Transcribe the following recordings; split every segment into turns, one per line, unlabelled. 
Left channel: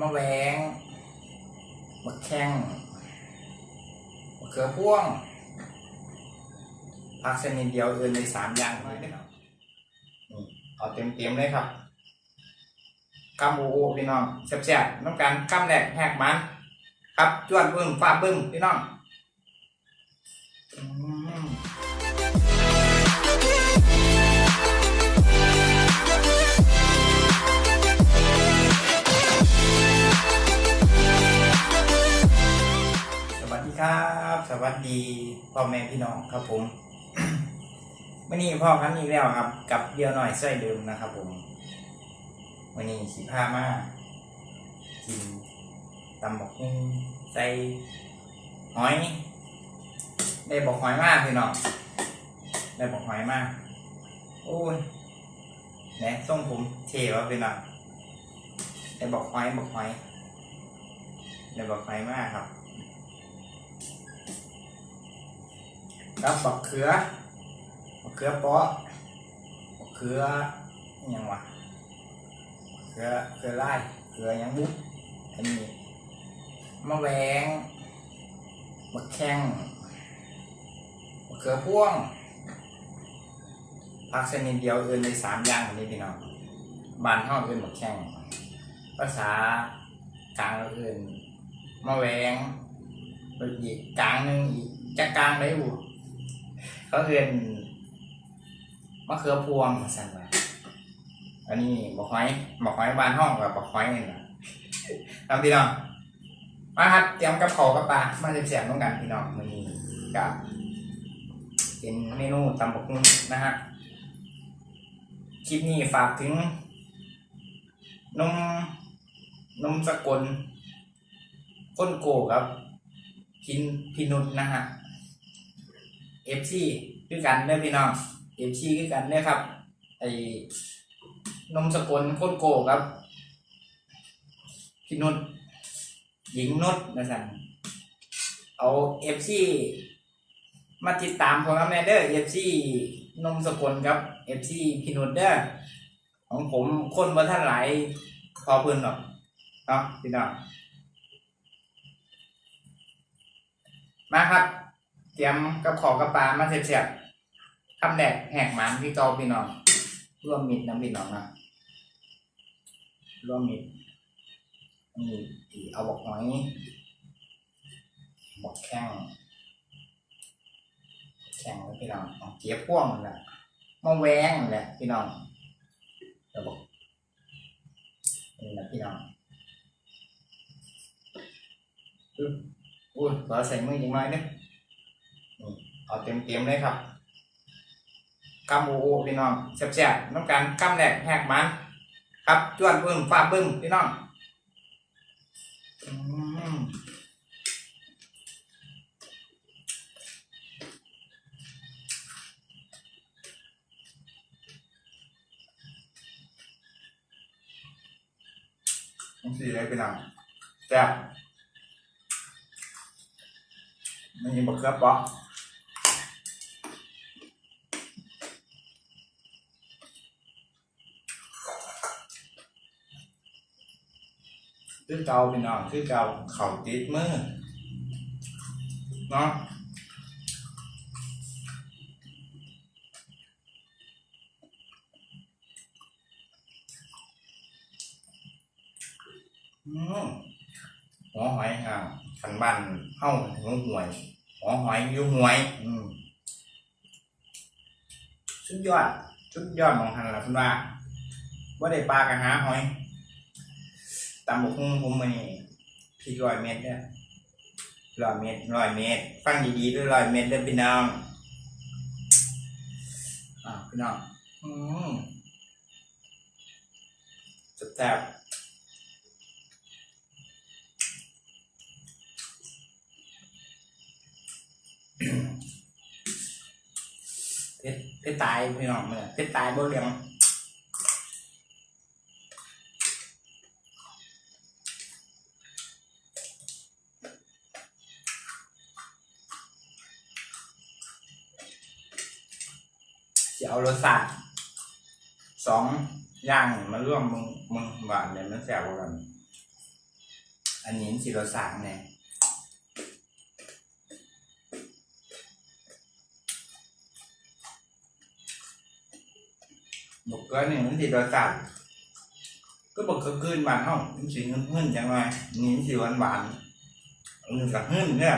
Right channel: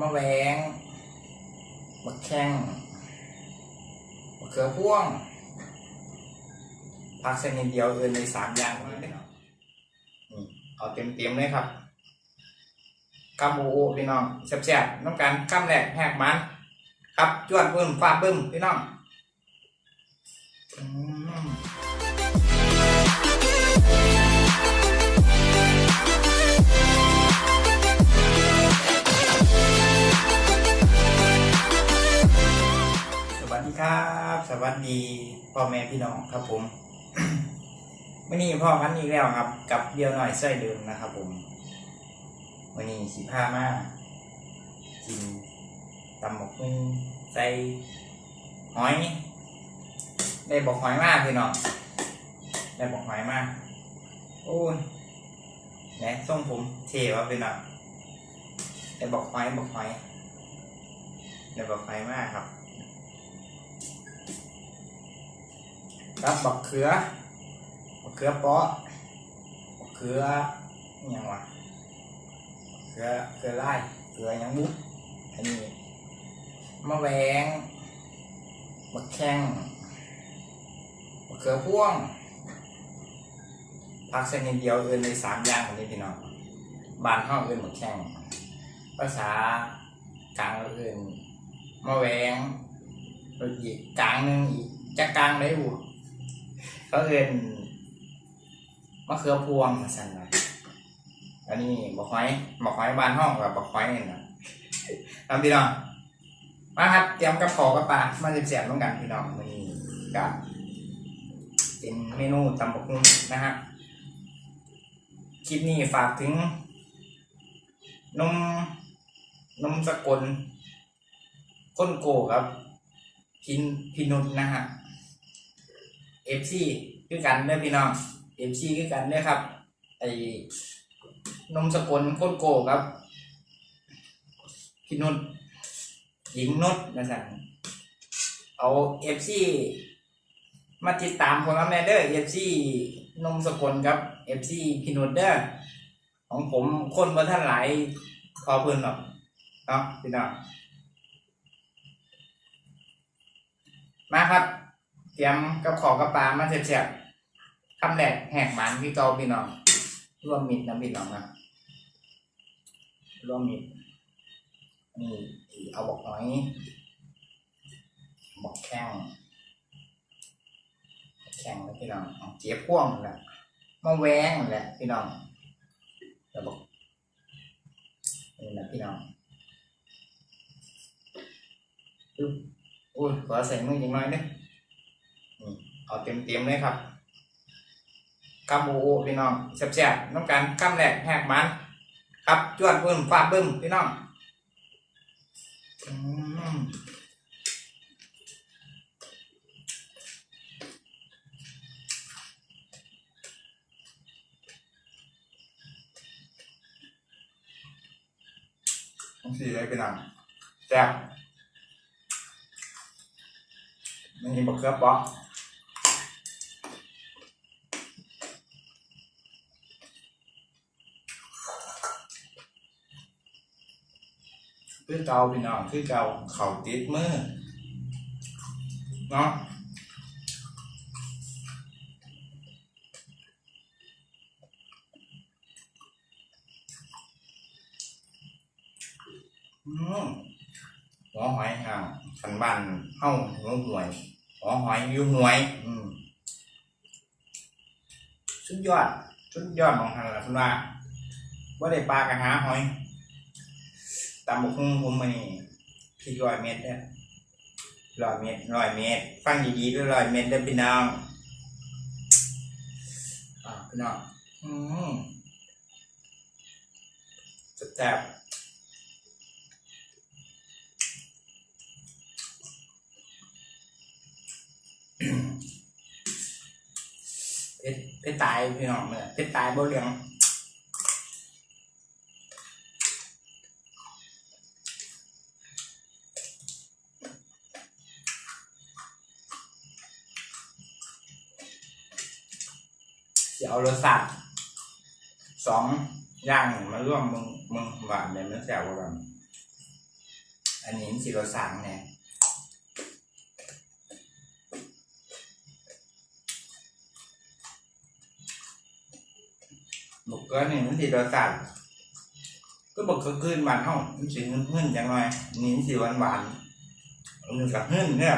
มะแวงมะแข้งมะเขือพ่วงผักชนิดเดียวเอื่นในสามอย่างเด้อนี่เอาเต็มเต็มๆเลยครับกำโอโอพี่น้องแซ่บๆน้ำกันกำแหลกแหกมัน ครับจวนปึ้มฟ้าปึ้มพี่น้อง ครับ สวัสดีพ่อแม่พี่น้องครับผมมื่อนี้พ่อกันอีกแล้วครับ กับเดียวหน่อยไส้เดิมนะครับ ผมมื่อนี้สิผ้ามากินตำหมกหุ่งใส่หอย ได้บอกหอยมากพี่น้องได้บอกหอยมากโอ้ยแหนส่งผมเทวะพี่น้องได้บอกหอยบอกหอยได้บอกหอยมากครับ กับบักเขือบักเขือเปาะบักเขืออิหยังวะบักเขือเขือไล่เขือยังบุ๊อันนี้มะแวงมะแข้งมะเขือพ่วงผักชนิดเดียวเอื่นในสามอย่างนี้พี่น้องบานห้องเอื่นมะแข้งภาษากลางเอื่นมะแวงอีกกลางหนึงอีกจะกลางได้บุ เขาเอื่นมะเขือพวงมาสั่นไปอันนี้บอกหอยบอกหอยบ้านห้องกับบอกหอยนี่นะทำพี่น้องมาครับเตรียมกับขาวกับปลามาเสียบๆต้องกันพี่น้องมีกับเป็นเมนูตำบักหุ่งนะฮะคลิปนี้ฝากถึงนมนมสกลก้นโกครับ พินพินุษนะฮะ เอฟซีคือกันเด้อพี่น้องเอฟซีคือกันเด้อครับ ไอ้นมสกลก้นโกครับพินุษหญิงนุชนะสั่นเอาเอฟซีมาติดตามผมครับแม่เด้อเอฟซีนมสกลครับเอฟซีพินุชเด้อของผมคนบ่ท่านหลายพอเพื่อนหรอกเนาะพี่น้องมาครับ เตรียมกับขอกับปลามาเสียบๆคำแรกแหกหมันพี่เกาพี่น้องร่วมมิดนะพี่น้องนะร่วมมิดนี่ีเอาบอกหอยบอกแข้งแข้งแล้วพี่น้องเจี๊ยบพ่วงนั่แหละมาแหวงนั่แหละพี่น้องแล้วบอกนี่นะพี่น้องอึ๊บอุ้ยขอใส่มืออย่างน้อยนึงนี่ เอาเต็มเต็มๆเลยครับกำโอโอพี่น้องแซ่บๆน้ำการกำแหลกแหกมันครับจวนเพิ่มฟ้าเบิ้มพี่น้องอืมต้องสีเลยพี่น้องแซ่บมันยิงบักเขือเปอก คือเก่าพี่น้องคือเก่าเข่าติดมือเนาะหัวหอยห่างขันบ้านเฮ้าหัวหวยหัวหอยอยู่หวยอืมสุดยอดสุดยอดของหันละคุณว่าว่าได้ปลากระหาหอย ตำบกหุ่งผมมานี่พี่ร้อยเมตรเนี่ยร้อยเมตรร้อยเมตร ฟังดีๆด้วยร้อยเมตรเด้พี่น้องอ่าพี่น้อง อืมแซ่บๆเพชรเพชรตายพี่น้องเนี่ยเพชรตายบ่เลี้ยง จะเอา รสชาติสองอย่างมาร่วมมึงมึงหวานเนี่ยมันแซ่บกว่ากันอันนี้สิเราสั่งเนี่ยบอกก็นี่มันสิเราสั่งก็บอกก็ขึ้นบานห้องมันสิเงินเงินจังไงนี่สิหวานหวานอันนี้กับเงินเนี่ย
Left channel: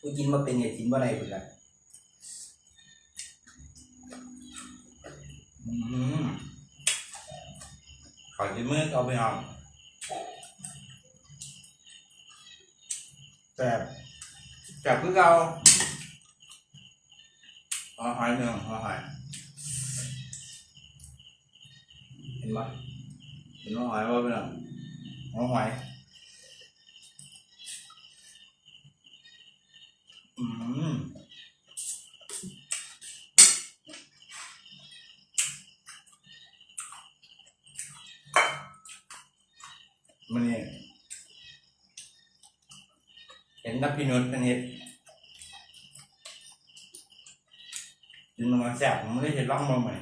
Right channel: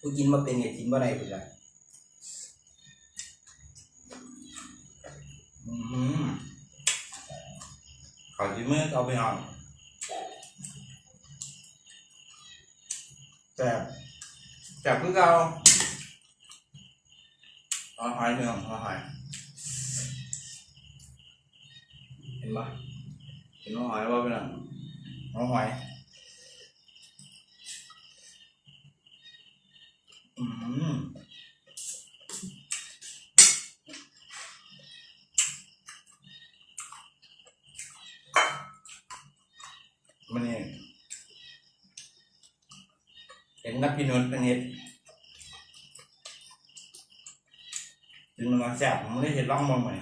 กูกินมาเป็นไงกินบ่ได้พุ่นละ ขอจิ้มมือเอาไปเอาแต่แต่เพื่อเราหอยหอยเมืองหอยหอยเห็นปะเห็นว่าหอยว่าเป็นอะไรหอยหอยอืมมันนี่เห็ นนักพี่นุชเป็นเห็ดกินมันมาแซ่บผมไม่ได้เห็นร่องมองใหม่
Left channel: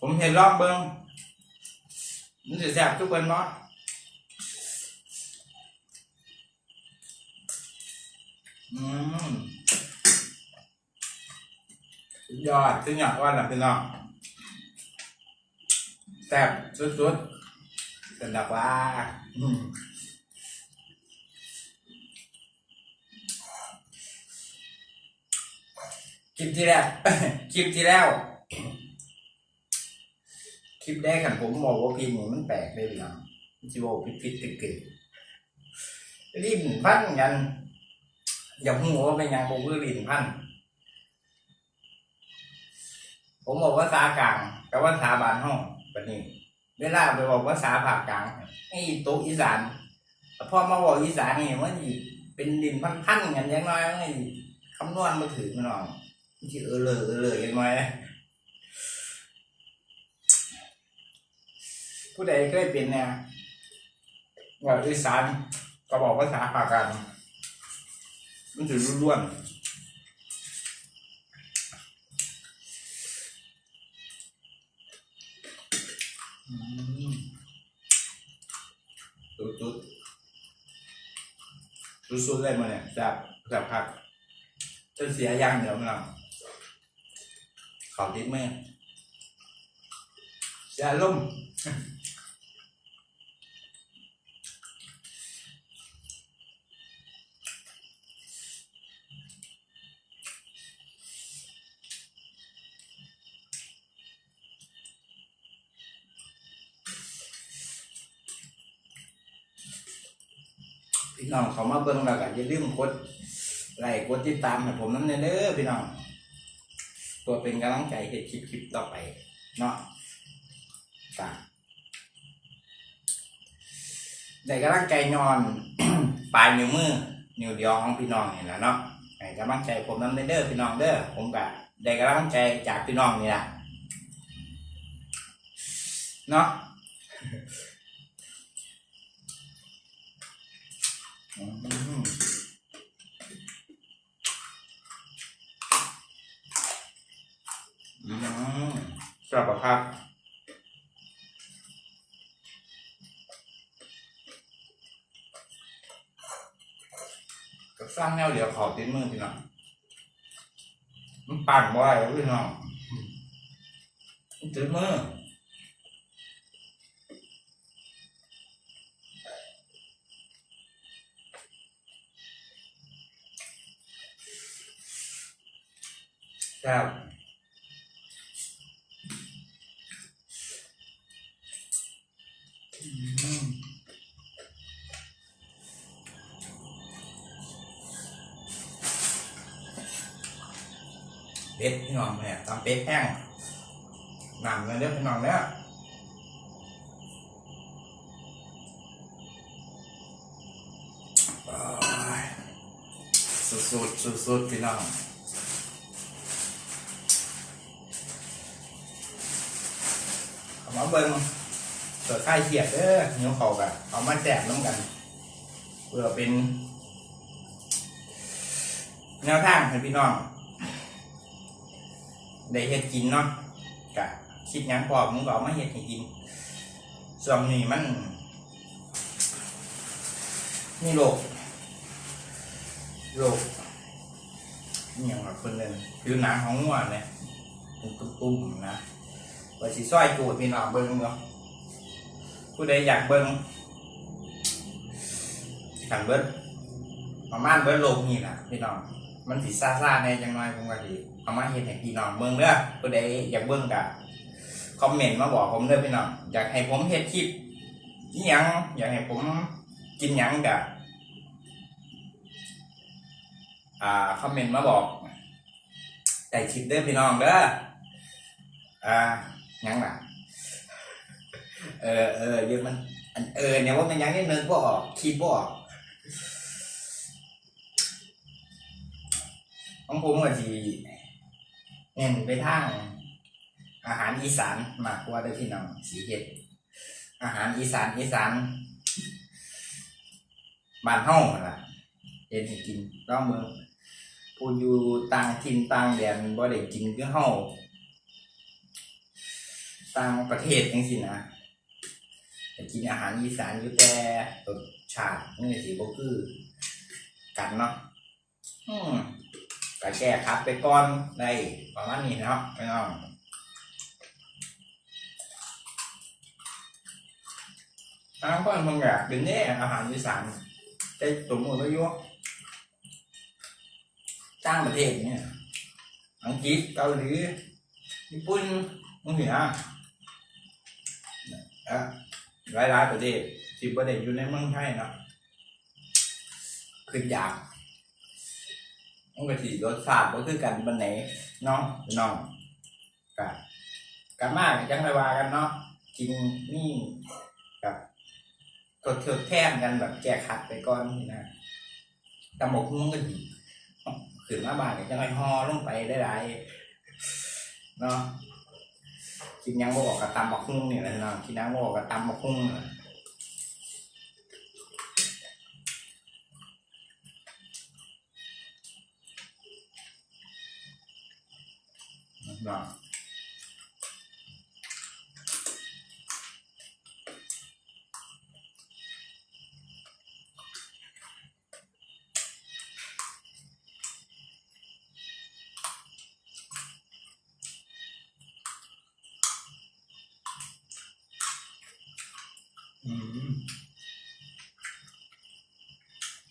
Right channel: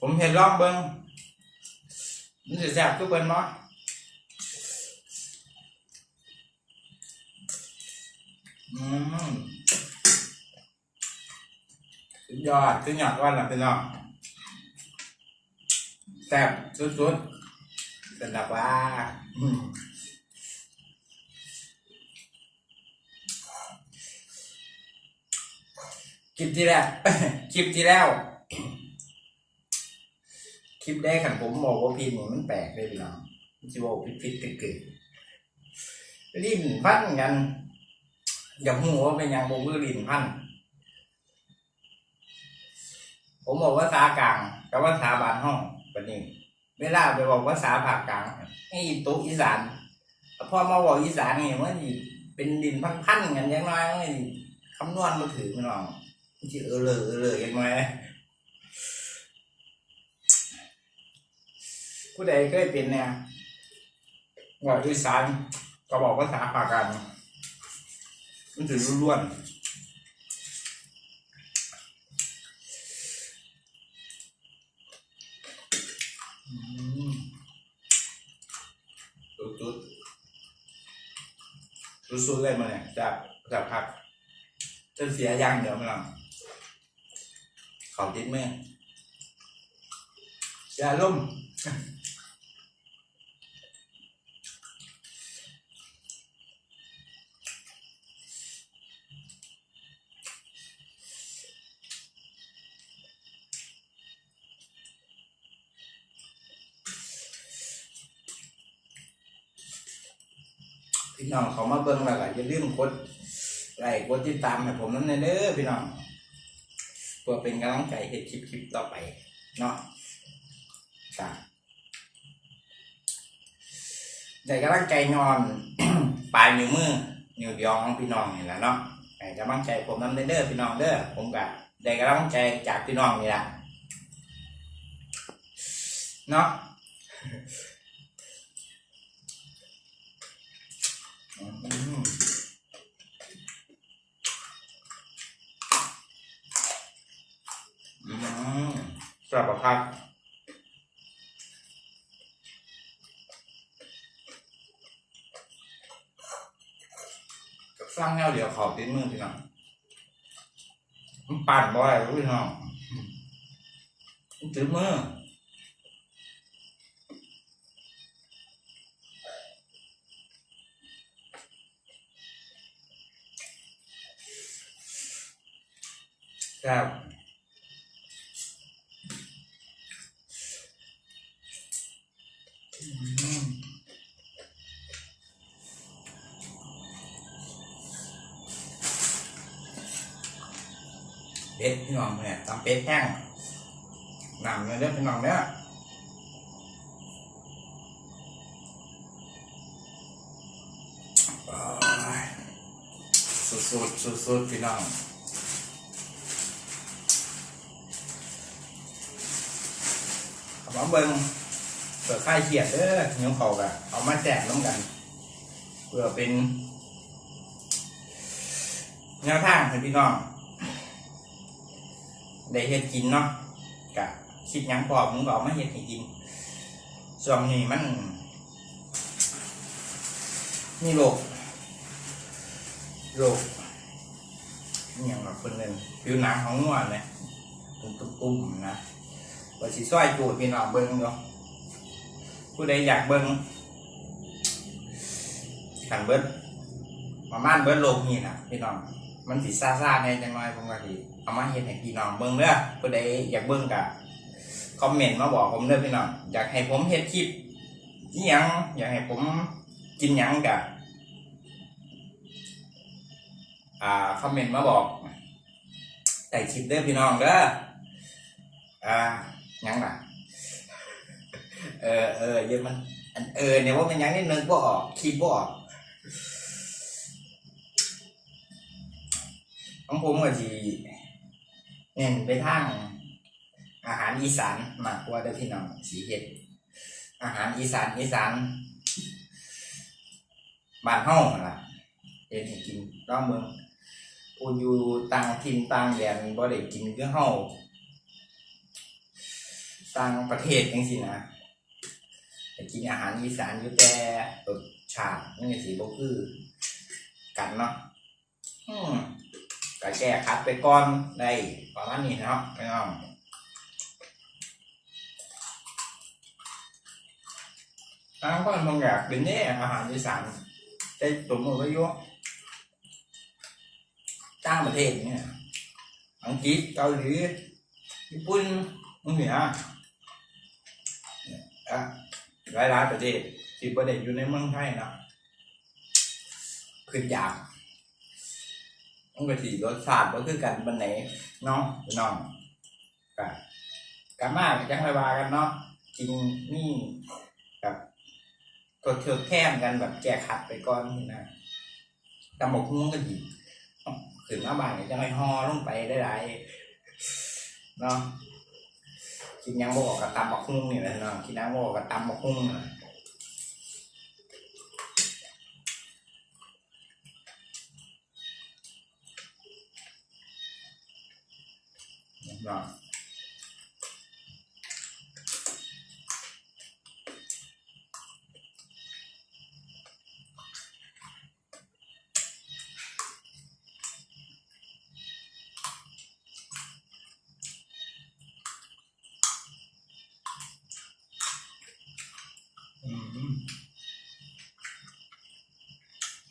ผมเห็นร่องเบิ้งมันจะแซ่บทุกคนเนาะอืมยอดขึ้นยอดว่าหลับพี่น้องแซ่บสุดๆ เป็นแบบว่าคลิปที่แล้วคลิปที่แล้ว คลิปแรกขันผมบอกว่าพิมพ์นี่มันแปลกเลยพี่น้องมันจะบอกพิดพิดตึกตึกลิ้นพันกันอย่าหัวเป็นยังบอกว่าลิ้นพันผมบอกว่าภากลางกับว่าภาษาบานห้องแบบนี้ เวลาไปบอกว่าภาษาภาคกลางไอ้โต๊ะอีสานพอมาบอกอีสานนี่มันเป็นดินพันๆกันอยังน้อยมันคำนวณมาถือมันน้องมันสิเออเลยเออเลยยังน้อยผู้ใดเคยเป็นเนี่ยว่าอีสานก็บอกภาษาภาคกลางมันจะล้วนๆ จุดจุดสุดเลยมันเนี่ยจับจับพักจนเสียย่างเดี๋ยวมันหลังเขาติดมือเสียลมณ์ พี่น้องเขามาเบิ่งแล้วก็อย่าลืมกดไลค์กดติดตามให้ผมนั่นเด้อพี่น้องเพื่อเป็นกำลังใจให้คลิปคลิปต่อไปเนาะจ้ะได้กำลังใจนอนปลายนิ้วมือนิ้วเดียวของพี่น้องนี่แหละเนาะให้กำลังใจผมนั่นเด้อพี่น้องเด้อผมก็ได้กำลังใจจากพี่น้องนี่แหละเนาะ อืมอืม สลับกับผักกับสร้างแนวเดียวขอบติดมือพี่น้องมันปั่นบ่อยพี่น้องมันติดมือแซ่บ เป็ดพี่น้องแม่ตำเป็ดแห้งนำเลยเด้อพี่น้องเนี่ยสุดสุดสุดสุดๆพี่น้องเอามาเบิ่งเปิดค่ายเขียดเด้อเหนียวเขากะเอามาแจกน้ำกันเพื่อเป็นแนวทางให้พี่น้อง ได้เฮ็ดกินเนาะกะคิดยังพอมึงก็เอามาเฮ็ดให้กินช่วงนี้มันนี่โรคโรคนี่อย่างแบบคนหนึ่งผิวหนังของงัวเลยเป็นตุ้มๆนะว่าสิซอยจูดพี่น้องเบิ้งเนาะผู้ใดอยากเบิ้งขันเบิ้งประมาณเบิ้งโลกนี่นะพี่น้องมันสิซ่าๆในจังน้อยผมก็สิ เอามาเฮ็ดให้พี่น้องเบิ่งเด้อผู้ใดอยากเบิ่งก็คอมเมนต์มาบอกผมเด้อพี่น้องอยากให้ผมเฮ็ดคลิปอีหยังอยากให้ผมกินยังก็อ่าคอมเมนต์มาบอกใส่คลิปเด้อพี่น้องเด้ออ่ายังล่ะเออเออเดี๋ยวมันอันเออเนี่ยว่ามันยังนิดนึงบ่ออกคิดบ่ออกของผมก็สิ เน้นไปทางอาหารอีสานมากกว่าเด้อพี่น้องสีเฮ็ดอาหารอีสานอีสานบ้านเฮาล่ะเฮ็ดให้กินลองเบิ่งผู้อยู่ต่างถิ่นต่างแดนบ่ได้กินคือเฮาต่างประเทศจังซี่นะแต่กินอาหารอีสานอยู่แต่รสชาติมันก็สิบ่คือกันเนาะอืม ก็แก้คัดไปก่อนได้ประมาณนี้เนาะพี่น้องทางคนบางอยากเป็นเนี่ยอาหารอีสานได้สมมติว่ายุจ้างประเทศเนี่ยอังกฤษเกาหลีญี่ปุ่นมึงเหนืออะหลายๆประเทศที่ประเทศอยู่ในเมืองไทยนะคืออยาก มันก็สิรสชาติก็คือกันบันไหนเนาะพี่น้องกะกะมากจังไรว่ากันเนาะกินนี่กับกดเทือแท่มกันแบบแก้ขัดไปก่อนนี่นะตำบกหุ้งก็ดีขึ้นมาบ้านก็จะไม่ห่อลงไปได้หลายเนาะกินยังบอกกับตำบักหุ้งนี่แหละเนาะกินยังบอกกับตำบักหุ้งนะ เนาะ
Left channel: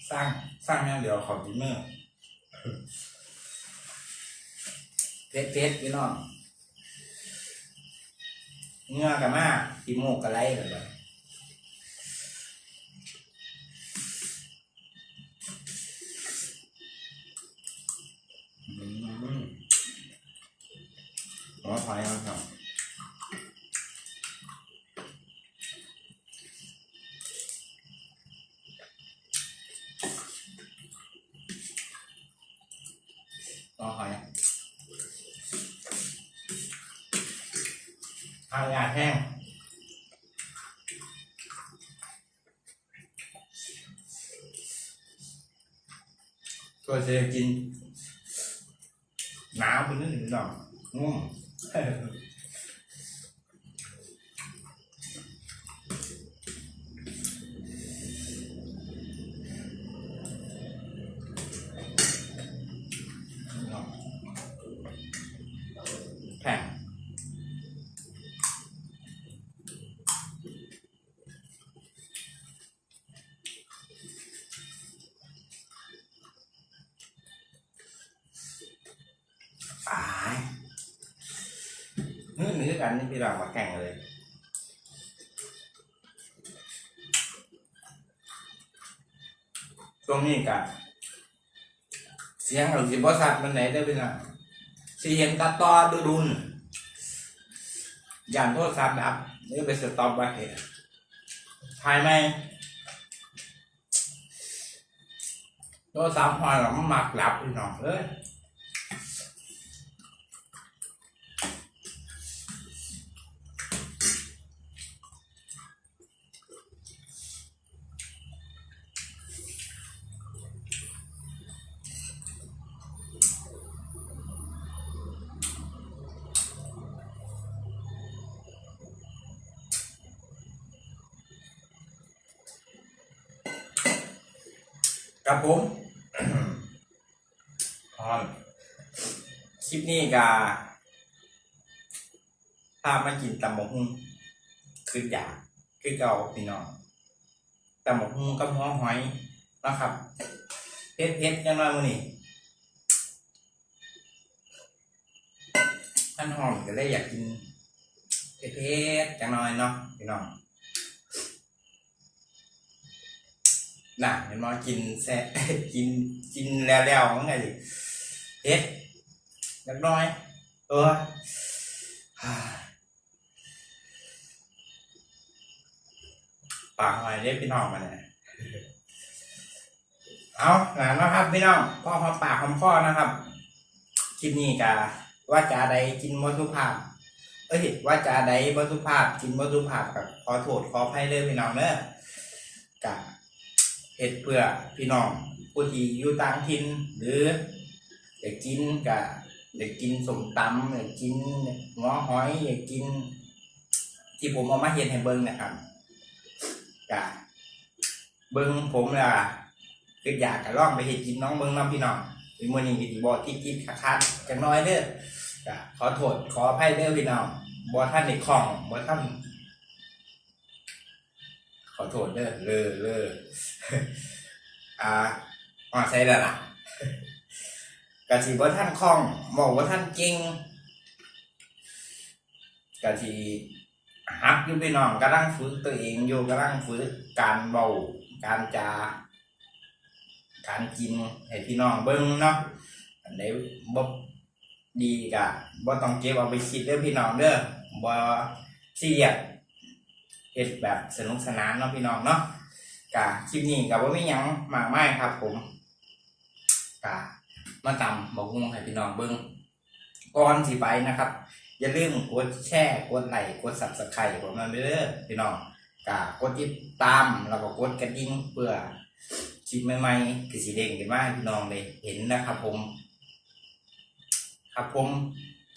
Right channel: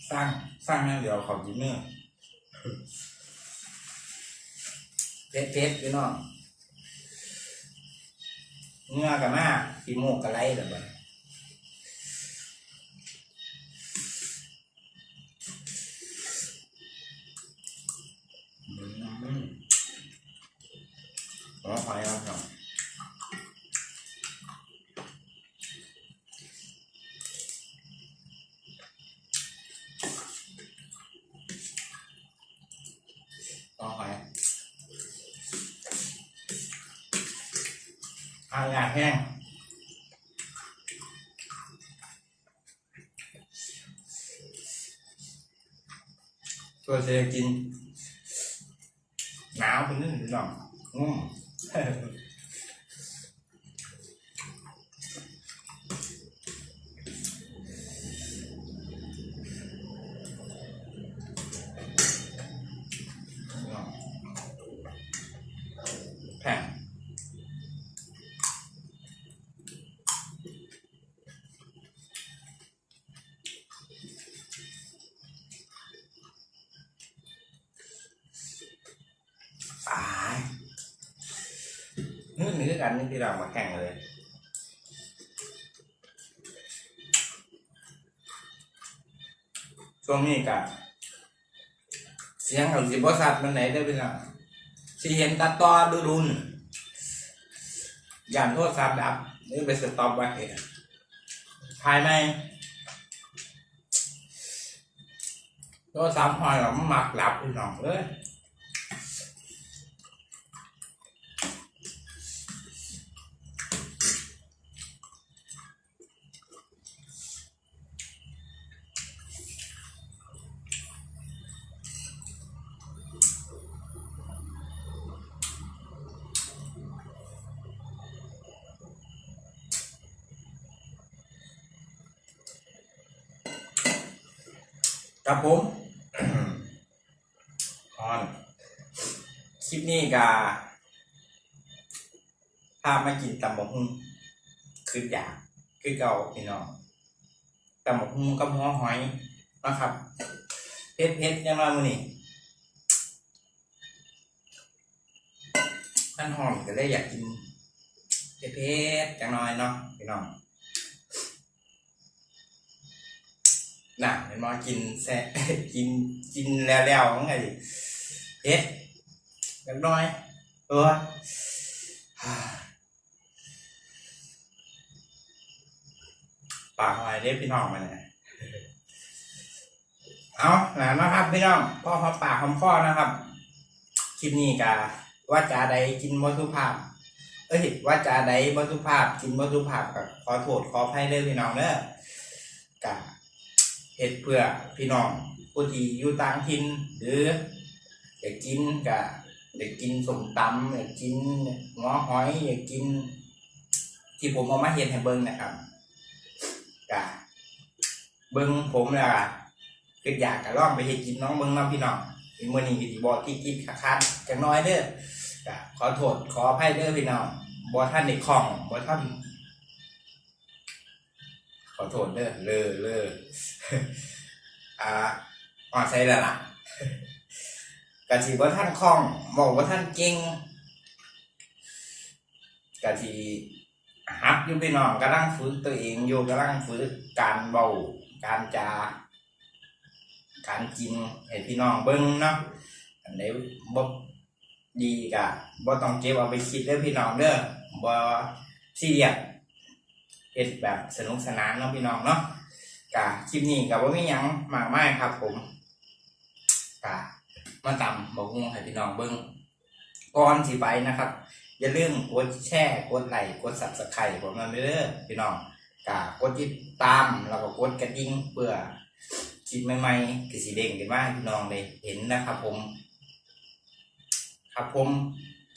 สร้างสร้างเนี่ยเดี๋ยวขอดินเนอร์ เพชรเพชรพี่น้องเงือกับมากขี้มูกกับไรแบบนี้ อายาแห้งตัวเซกินหนาวเป็นนิดหนึ่งหน่อยงุ่ม แผ่งตายเนื้อเนื้อ กันนี่พี่เรามาแข่งเลย ช่วงนี้กันเสียงของสิบสัตว์มันไหนได้พี่น้องสิเห็นตัดต่อดูดุนยานโทษสามดับนี่ไปสต็อปไว้ภายในโทษสามหอยหรอมันหมักหลับพี่น้องเอ้ย กับผมฮอนคลิปนี้กาพามากินตำบกหุ่งคืออยากคือเก่าพี่น้องตำบกหุ่งกับหัวหอยนะครับเผ็ดเผ็ดยังไงมือนี้ท่านหอมก็เลยอยากกินเผ็ดเผ็ดจังน่อยเนาะพี่น้อง น่ะเห็นมากินแซ่กินกินแล้วๆมันไงดิเผ็ดจักน่อยเออปากหอยได้พี่น้องมาเนี่ยเอาหนานะครับพี่น้องพ่อหอมปากหอมคอนะครับคลิปนี้กาว่าจาใดกินวัตถุภาพ เอ้ยว่าจาใดวัตถุภาพ กินวัตถุภาพกับขอโทษขออภัยเด้อพี่น้องเด้อกะ เฮ็ดเพื่อพี่น้องผู้ที่อยู่ต่างถิ่นหรืออยากกินกะอยากกินสมตำอยากกินหัวหอยอยากกิน ที่ผมเอามาเฮ็ดให้เบิ่งนะครับกะเบิ้งผมแล้วอะคืออยากกะลองไปเฮ็ดกินน้องเบิ้งน้องพี่น้องอีมื้อนี้ก็สิบ่ติดติดๆคัดจักหน้อยเด้อกะขอโทษขออภัยเด้อพี่น้องบ่ทันได้คลองบ่ทัน ขอโทษเด้อเลอเลออ่าอ่อนใส่แล้วล่ะกะสิบ่ทันคล่องบอกว่าท่านเก่งกะสิฮักอยู่พี่น้องกำลังฝึกตัวเองอยู่กำลังฝึกการเบาการจาการกินให้พี่น้องเบิ้งเนาะอันไหนบ่ดีกะบ่ต้องเก็บเอาไปคิดเด้อพี่น้องเด้อบ่ซีเรียส เฮ็ดแบบสนุกสนานเนาะพี่น้องเนาะกะคลิปนี้ก็บ่มีหยังมากมายครับ ผมกะมาตำบ่ฮู้ให้พี่น้องเบิ่งก่อนสิไปนะครับ อย่าลืมกดแชร์กดไลค์กด subscribe ผมมาเด้อยพี่น้องกากดติดตามแล้วก็กดกระดิ่งเพื่อคลิปใหม่ๆคือสีเด้งกันมาพี่น้องได้เห็นนะครับ ผม ครับผม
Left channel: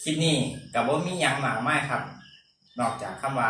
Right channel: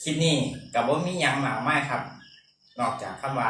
คลิปนี้กับว่ามียังมากมายครับ นอกจากคำว่า